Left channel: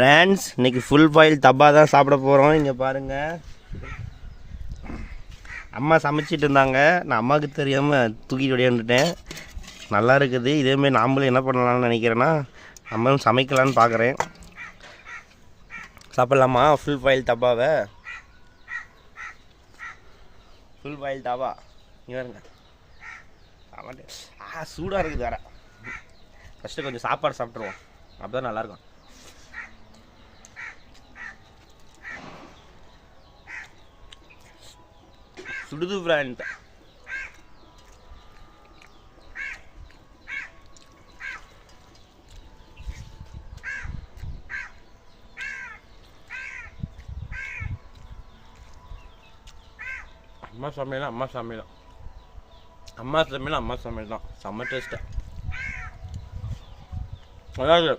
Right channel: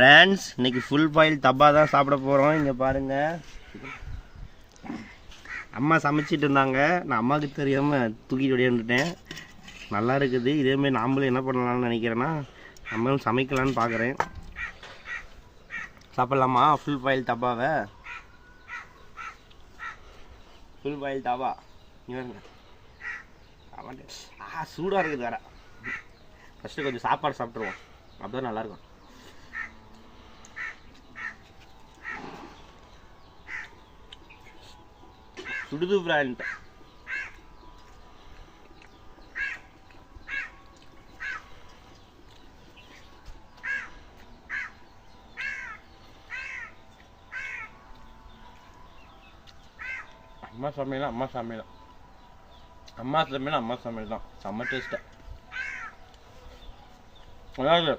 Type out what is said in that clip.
Friends இன்றைக்கி full boil தப்பா தான் சாப்பிட போகிறோம். இங்கே பாருங்கள், அம்மா சமைச்சிட்டு இருந்தாங்க. நான் அம்மாவுக்கு தெரியாமல் தூக்கிட்டு ஓடியாந்துட்டேன். நல்லா இருக்குது. இதேமாரி நாமளும் என்ன பண்ணலாம்னு நினைக்கிறேன்னா, நம்மளும் சமைக்கலான்னு பார்க்குறேன். சாப்பிட்லாமா ஃபுல் பாயில் தப்பாவை? ஃபுல் பாயில் தவா இங்கே இருங்க. சூடாக இருக்குது வேறு. ஃபஸ்ட்டு கொஞ்சம் சாப்பாடு சாப்பிட்ருவோம், அப்போ தான் நல்லாயிருக்கும். சுடுது ஃப்ரெண்ட். அம்மா சமையல் அம்மா சமையல் அம்மா சமையல் அம்மா சமையல் தான். செம்ம டேஸ்ட்டு. அதாவது